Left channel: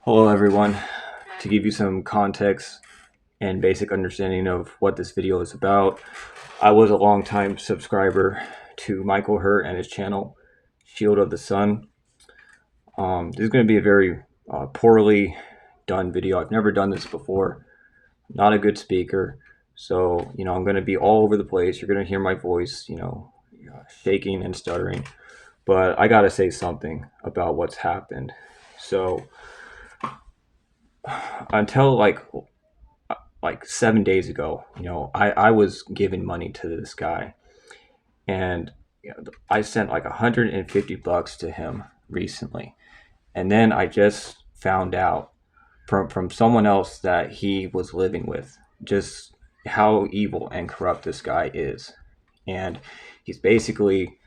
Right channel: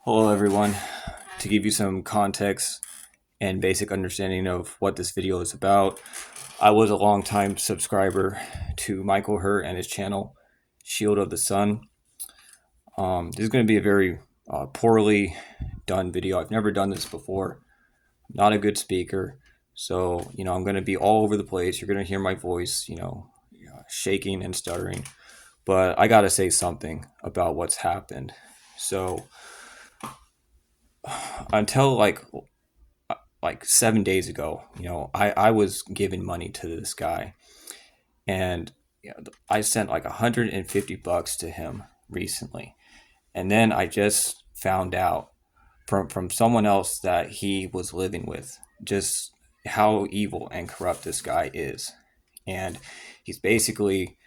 Hello everyone. To give you some context and basic understanding of what this video is about, I was a longtime subscriber to Michael Hurt and his channel, Shield of the Sun. This is going to be a very poorly done video. I've never done this before. Not a good speaker. So, I'm going to be all over the place. You're going to hear my voice, shaking and stuttering. But I got to say something about what's happened. So, until like 7 days ago, I was giving money to this guy, and I sent like $150 to him recently, and then I just found out from someone else that he was living with just how evil and corrupt this guy is, and he's basically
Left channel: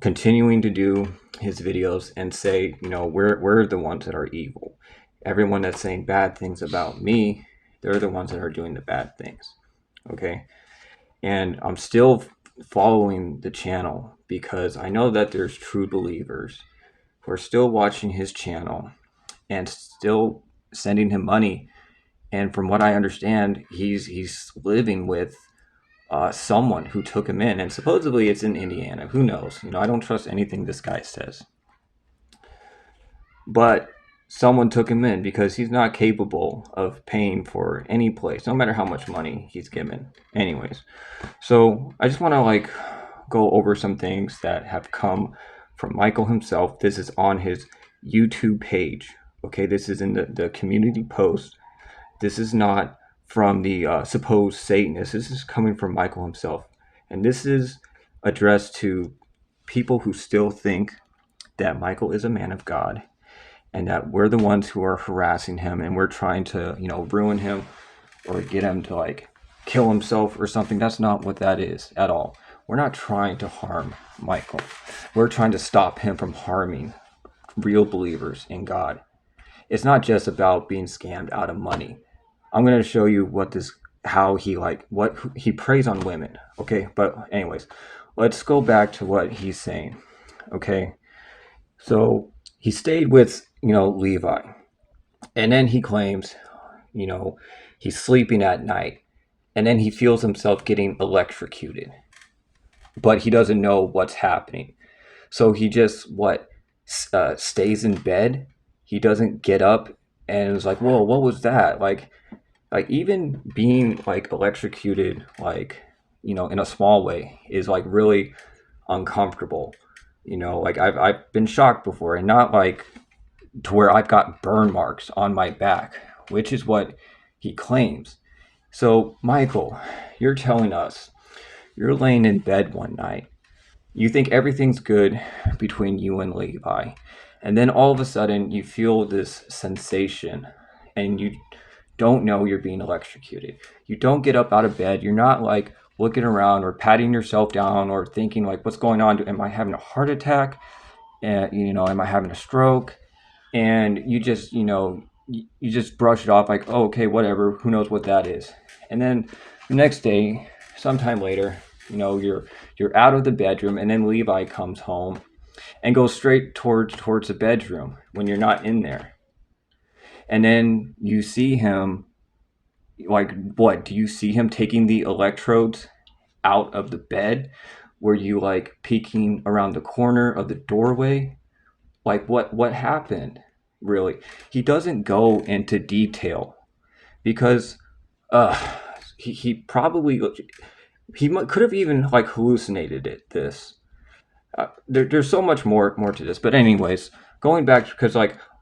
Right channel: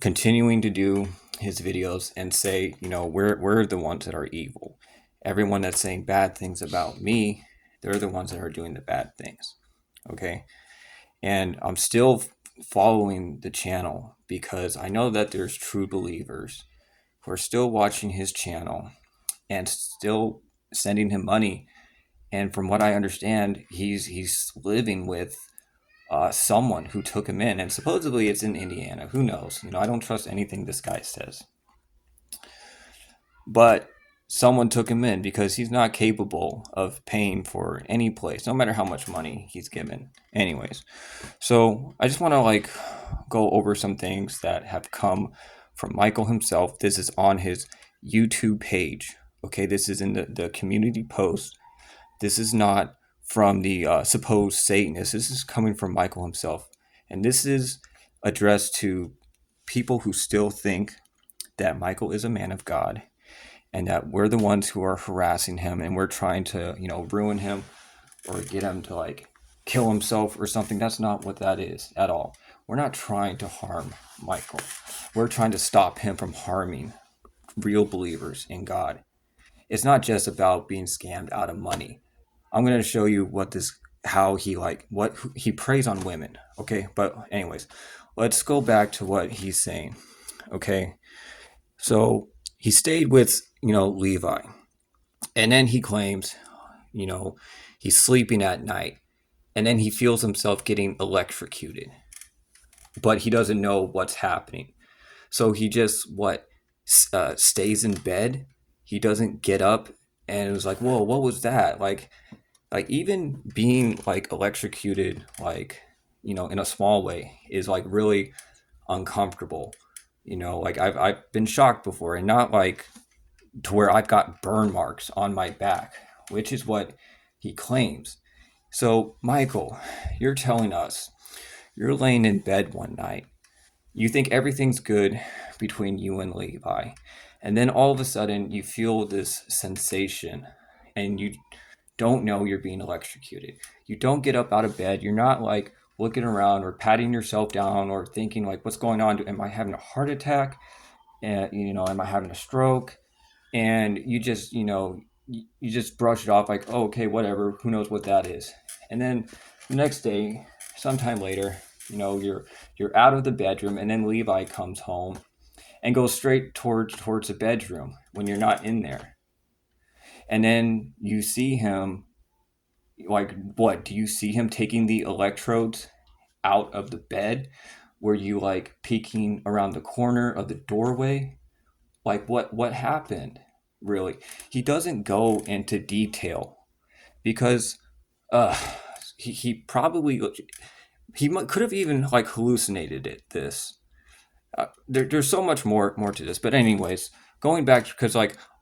continuing to do his videos and say, we're the ones that are evil. Everyone that's saying bad things about me, they're the ones that are doing the bad things. Okay. And I'm still following the channel because I know that there's true believers who are still watching his channel and still sending him money. And from what I understand, he's living with someone who took him in, and supposedly it's in Indiana. Who knows? I don't trust anything this guy says. But someone took him in because he's not capable of paying for any place, no matter how much money he's given. Anyways, so I just want to go over some things that have come from Michael himself. This is on his YouTube page. Okay, this is in the community post. This is not from the supposed Satanist. This is coming from Michael himself. And this is addressed to people who still think that Michael is a man of God and that we're the ones who are harassing him and we're trying to, ruin him or get him to kill himself or something. That's not what that is at all. We're not trying to harm Michael. We're trying to stop him from harming real believers in God. It's not just about being scammed out of money. I'm going to show you how he preys on women. Okay. But anyways, let's go back to what he's saying. Okay. So he stayed with, Levi, and then he claims, he's sleeping at night, and then he feels himself getting electrocuted, but he doesn't know what's happening. So he just stays in bed. He doesn't get up, and it was like, whoa, what was that? Like even being electrocuted, in a small way is really uncomfortable. I've been shocked before, and not to where I've got burn marks on my back, which is what he claims. So, Michael, you're telling us you're laying in bed one night. You think everything's good between you and Levi. And then all of a sudden, you feel this sensation and you don't know you're being electrocuted. You don't get up out of bed. You're not looking around or patting yourself down or thinking what's going on? Am I having a heart attack? And, am I having a stroke? And you just brush it off oh, okay, whatever, who knows what that is. And then the next day, sometime later, you're out of the bedroom, and then Levi comes home and goes straight towards the bedroom when you're not in there. And then you see him what do you see him taking the electrodes out of the bed? Were you peeking around the corner of the doorway? What happened? Really, he doesn't go into detail because he probably could have even hallucinated this. There's so much more to this, but anyways, going back, because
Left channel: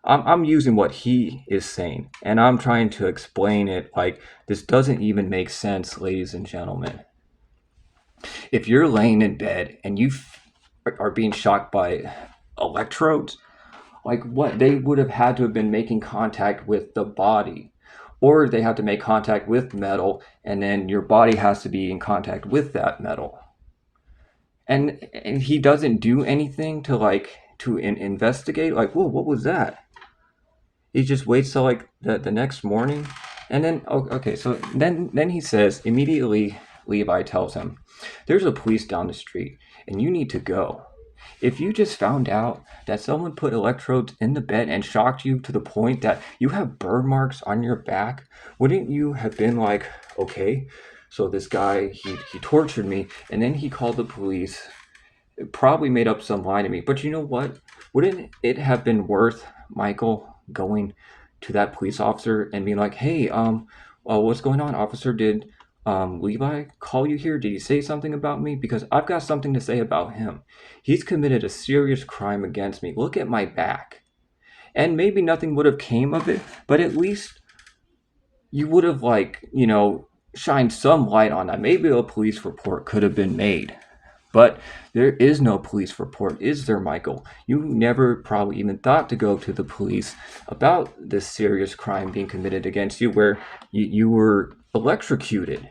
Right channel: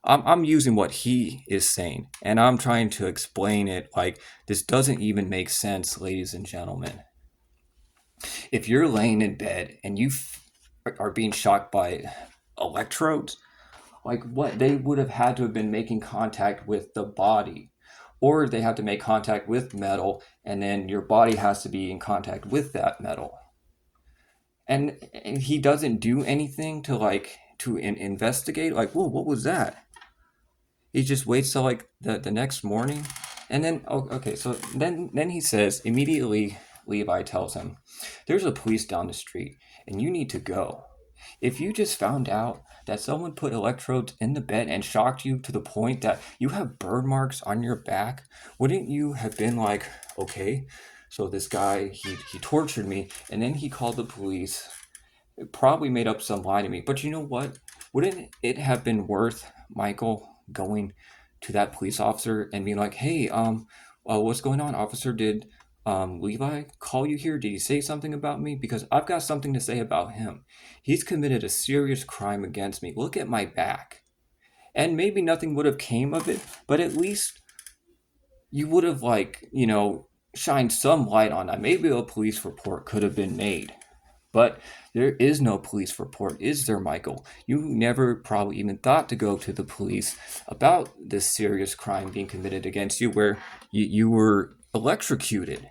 I'm using what he is saying and I'm trying to explain it. This doesn't even make sense, ladies and gentlemen. If you're laying in bed and you are being shocked by electrodes, what they would have had to have been making contact with the body, or they have to make contact with metal, and then your body has to be in contact with that metal. And he doesn't do anything to investigate. Whoa, what was that? He just waits till the next morning, and then okay. So then he says immediately. Levi tells him, "There's a police down the street, and you need to go." If you just found out that someone put electrodes in the bed and shocked you to the point that you have burn marks on your back, wouldn't you have been like, okay, so this guy, he tortured me and then he called the police, probably made up some lie to me. But you know what? Wouldn't it have been worth Michael going to that police officer and being like, "Hey, what's going on, officer? Did Levi call you here? Did he say something about me? Because I've got something to say about him. He's committed a serious crime against me. Look at my back." And maybe nothing would have came of it, but at least you would have shined some light on that. Maybe a police report could have been made. But there is no police report, is there, Michael? You never probably even thought to go to the police about this serious crime being committed against you where you were electrocuted.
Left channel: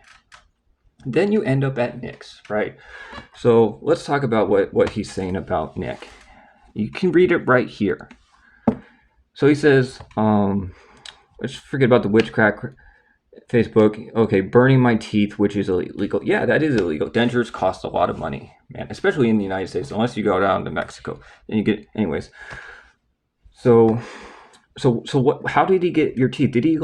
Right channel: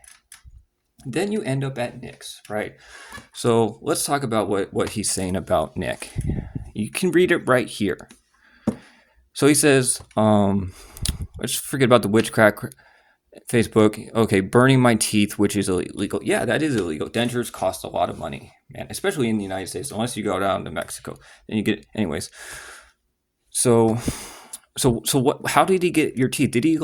Then you end up at Nick's, right? So let's talk about what he's saying about Nick. You can read it right here. So he says, let's forget about the witchcraft Facebook. Okay, burning my teeth, which is illegal. Yeah, that is illegal. Dentures cost a lot of money, man, especially in the United States, unless you go down to Mexico. And you get, anyways. So what? How did he get your teeth? Did he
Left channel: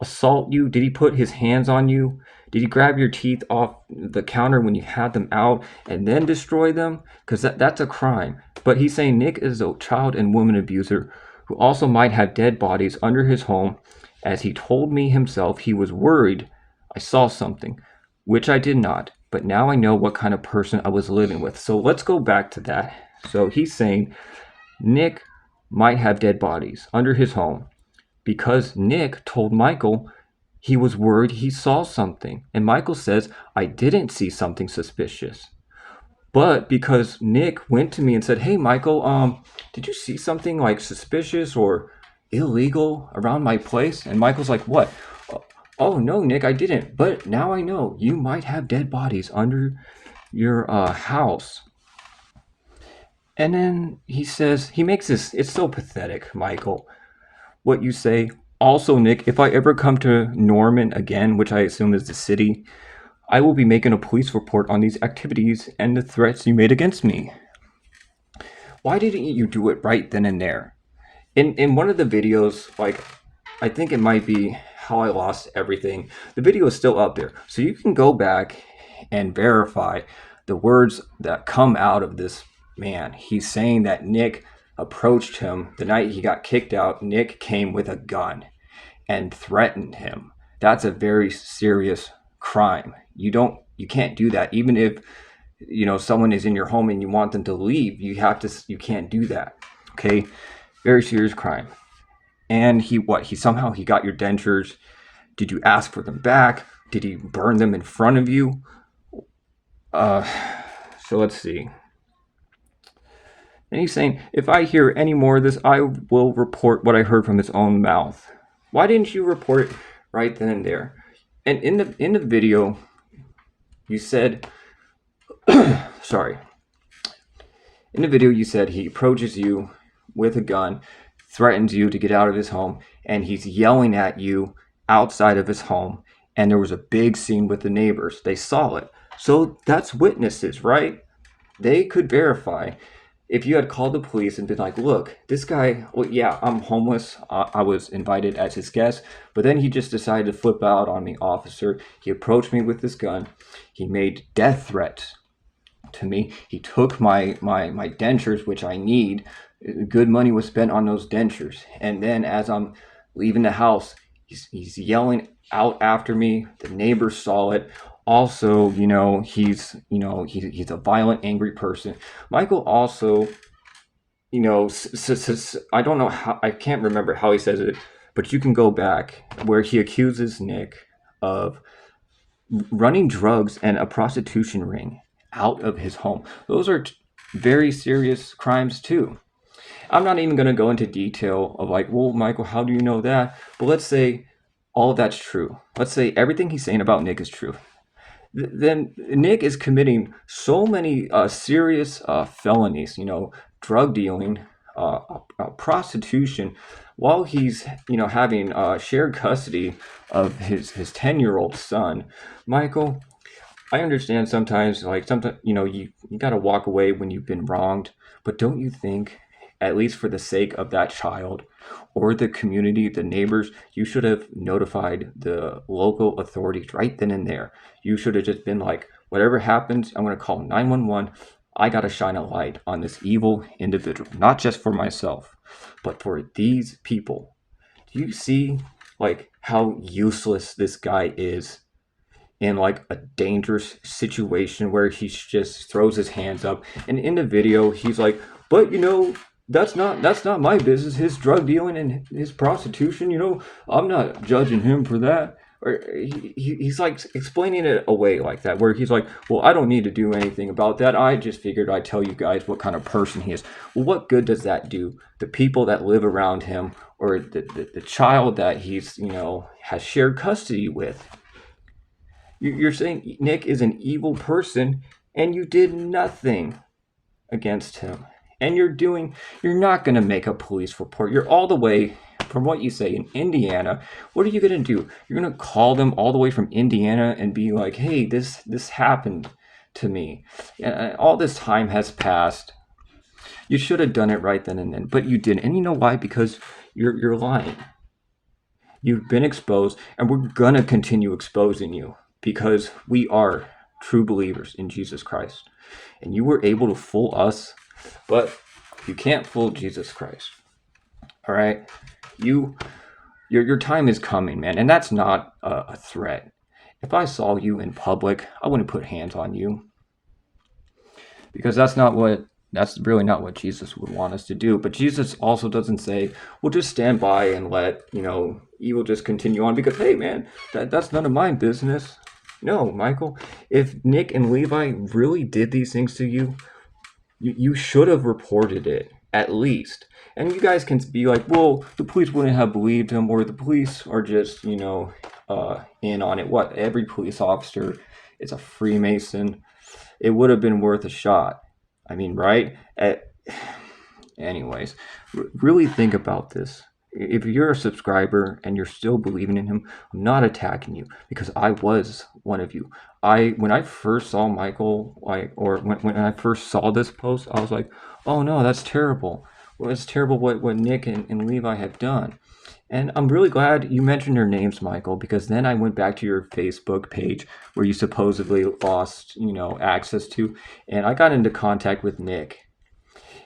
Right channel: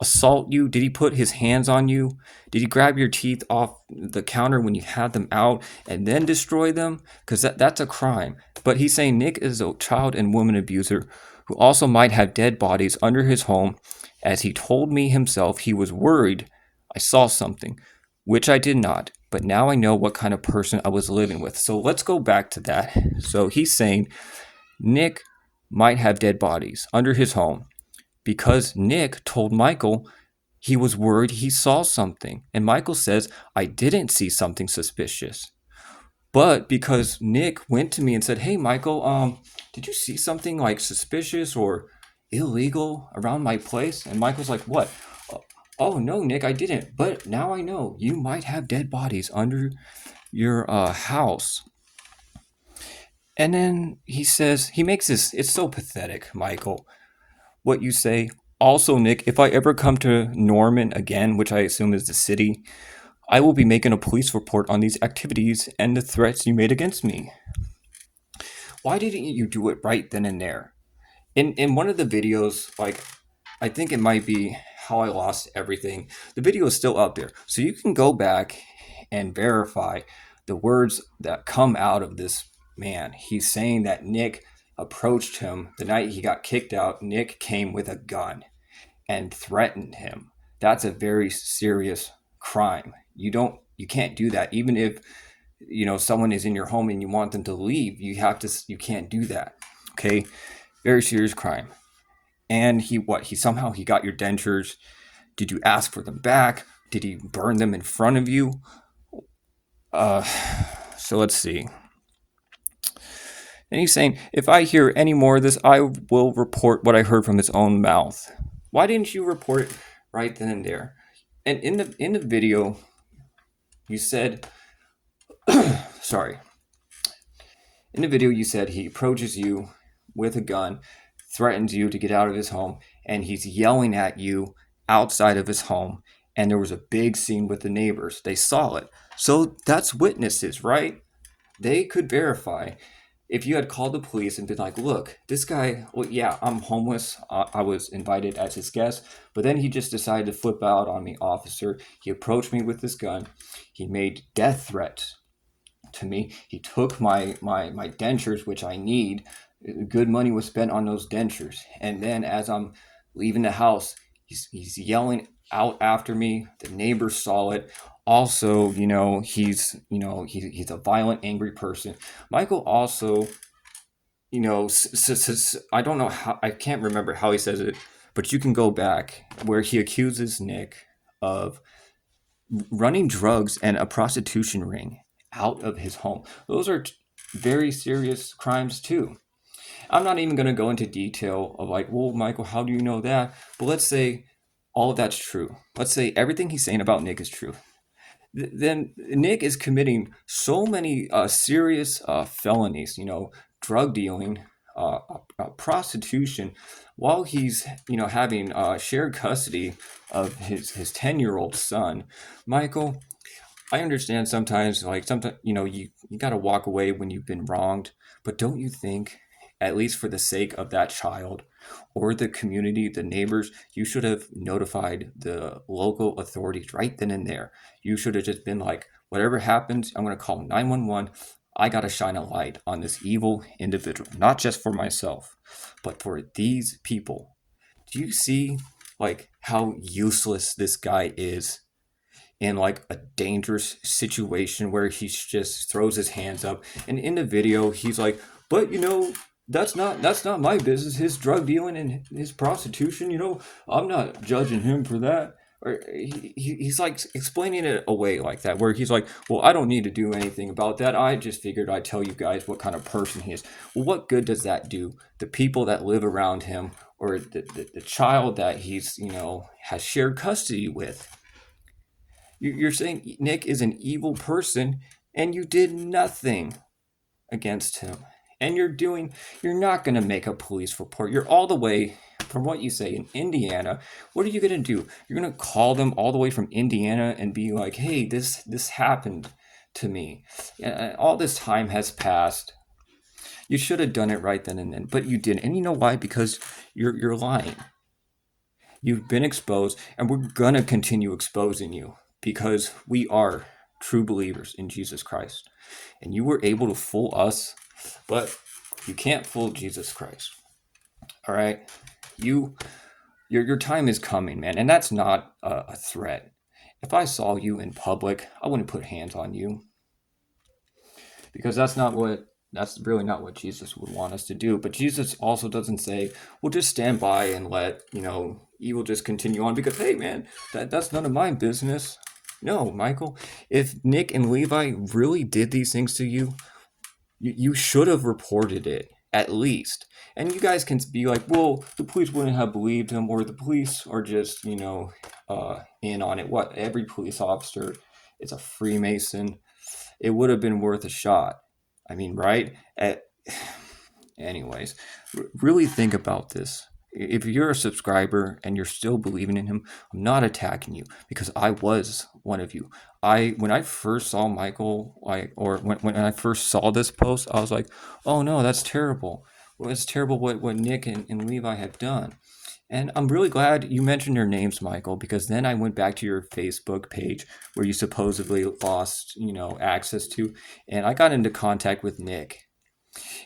assault you? Did he put his hands on you? Did he grab your teeth off the counter when you had them out and then destroy them? Because that's a crime. But he's saying Nick is a child and woman abuser who also might have dead bodies under his home. As he told me himself, he was worried I saw something, which I did not. But now I know what kind of person I was living with. So let's go back to that. So he's saying Nick might have dead bodies under his home because Nick told Michael he was worried he saw something. And Michael says, I didn't see something suspicious. But because Nick went to me and said, hey, Michael, did you see something suspicious or illegal around my place? And Michael's like, what? Oh, no, Nick, I didn't. But now I know you might have dead bodies under your house. And then he says, he makes this, it's so pathetic, Michael, what you say. Also, Nick, if I ever come to Norman again, which I assume is the city, I will be making a police report on these activities and the threats you made against me. Why didn't you do it right then and there? In one of the videos, I think it might be How I Lost Everything, the video is still up there. So you can go back and verify the words that come out of this man. He's saying that Nick approached him the night he got kicked out. Nick came with a gun and threatened him. That's a very serious crime. You can't do that. Even if someone is in your home and you want them to leave, you can't do that. Okay, very serious crime. And he somehow got your dentures. Did you ask for them back? Did he burn them in front of you? So let's see. And he's saying, if I hear any more of this, I will report what I heard from his own mouth. Why didn't you report it right then and there? And in the video, you said, sorry. In the video, you said he approaches you with a gun, threatens you to get out of his home, and he's yelling at you outside of his home. And there was a big scene with the neighbors. They saw it. So that's witnesses, right? They could verify. If you had called the police and been like, look, this guy, well, yeah, I'm homeless. I was invited as his guest, but then he just decided to flip out on me, officer. He approached me with this gun. He made death threats to me. He took my dentures, which I need. Good money was spent on those dentures. And then as I'm leaving the house, he's yelling out after me. The neighbors saw it. Also, he's a violent, angry person. Michael also, I don't know how, I can't remember how he says it, but you can go back where he accuses Nick of running drugs and a prostitution ring out of his home. Those are very serious crimes too. I'm not even going to go into detail of well, Michael, how do you know that? But let's say all of that's true. Let's say everything he's saying about Nick is true. Then Nick is committing so many serious felonies, drug dealing, prostitution, while he's, having shared custody of his 10-year-old son. Michael, I understand sometimes, like sometimes, you got to walk away when you've been wronged. But don't you think, at least for the sake of that child or the community, the neighbors, you should have notified the local authorities right then and there. You should have just been like, whatever happens, I'm going to call 911. I got to shine a light on this evil individual, not just for myself, but for these people. Do you see like how useless this guy is in like a dangerous situation where he just throws his hands up, and in the video he's like, but that's not my business, his drug dealing and his prostitution, I'm not judging him for that. Or he's like explaining it away like that, where he's like, well, I don't need to do anything about that, I just figured I'd tell you guys what kind of person he is. Well, what good does that do the people that live around him, or the child that he's has shared custody with? You're saying Nick is an evil person, and you did nothing against him. And you're not going to make a police report. You're all the way, from what you say, in Indiana. What are you going to do? You're going to call them all the way from Indiana and be like, hey, this happened to me. And all this time has passed. You should have done it right then and then, but you didn't. And you know why? Because you're lying. You've been exposed, and we're going to continue exposing you because we are true believers in Jesus Christ. And you were able to fool us, but you can't fool Jesus Christ. All right? Your time is coming, man, and that's not a threat. If I saw you in public, I wouldn't put hands on you, because that's really not what Jesus would want us to do. But Jesus also doesn't say, well, just stand by and let, evil just continue on because, hey, man, that's none of my business. No, Michael, if Nick and Levi really did these things to you, you should have reported it, at least. And you guys can be like, well, the police wouldn't have believed him, or the police are just, in on it. What? Every police officer is a Freemason. It would have been worth a shot. I mean, right? Anyways, really think about this. If you're a subscriber and you're still believing in him, I'm not attacking you, because I was one of you. When I first saw Michael, when I first saw this post, I was like, oh no, that's terrible. Well, it's terrible what Nick and Levi have done. And I'm really glad you mentioned their names, Michael, because then I went back to your Facebook page where you supposedly lost, access to, and I got into contact with Nick,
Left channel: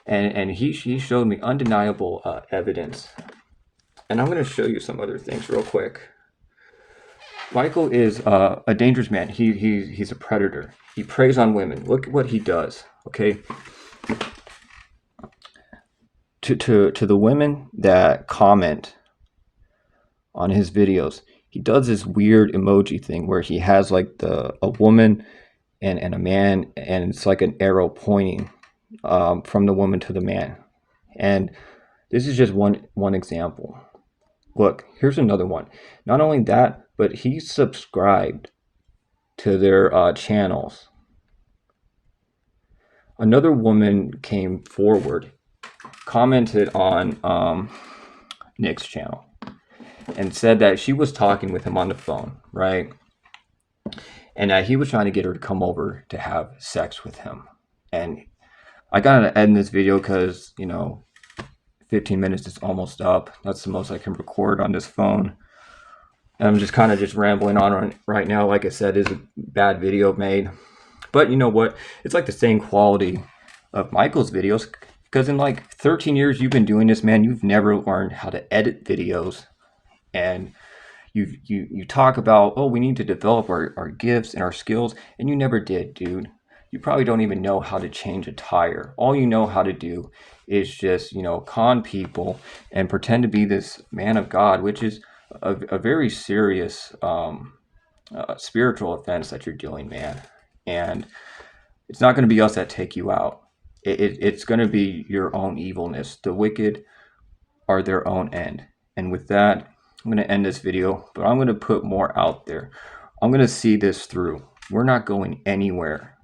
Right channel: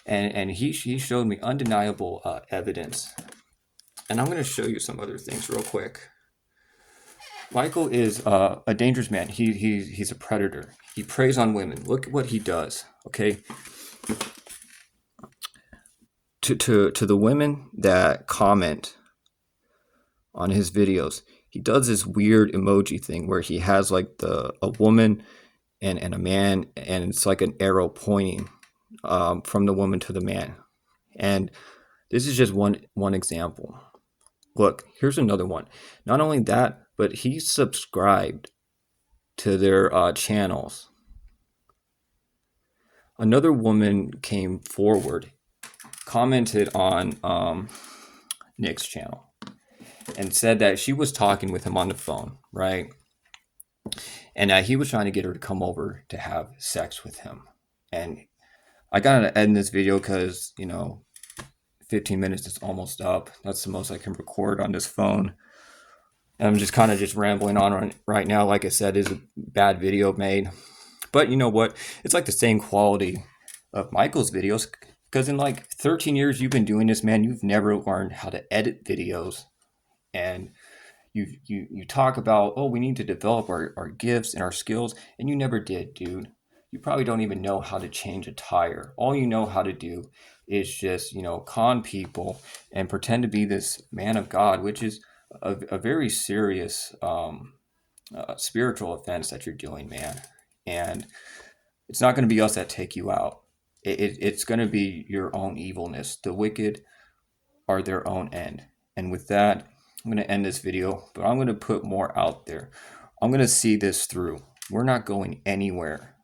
and he showed me undeniable evidence. And I'm going to show you some other things real quick. Michael is a dangerous man. He's a predator. He preys on women. Look at what he does. Okay. To the women that comment on his videos, he does this weird emoji thing where he has like a woman and a man, and it's like an arrow pointing from the woman to the man. And this is just one example. Look, here's another one. Not only that, but he subscribed to their channels. Another woman came forward, commented on Nick's channel, and said that she was talking with him on the phone, right? And that he was trying to get her to come over to have sex with him. And I gotta end this video because, 15 minutes is almost up. That's the most I can record on this phone. And I'm just kind of just rambling on right now. Like I said, it's a bad video made. But you know what? It's like the same quality of Michael's videos, because in like 13 years you've been doing this, man, you've never learned how to edit videos. And you talk about, oh, we need to develop our gifts and our skills, and you never did, dude. You probably don't even know how to change a tire. All you know how to do is just, con people and pretend to be this man of God, which is a very serious spiritual offense that you're doing, man. And it's not going to be us that take you out. It's going to be your own evilness. The wicked are their own end. And with that, I'm going to end this video, but I'm going to put more out there. I'm going to see this through. We're not going anywhere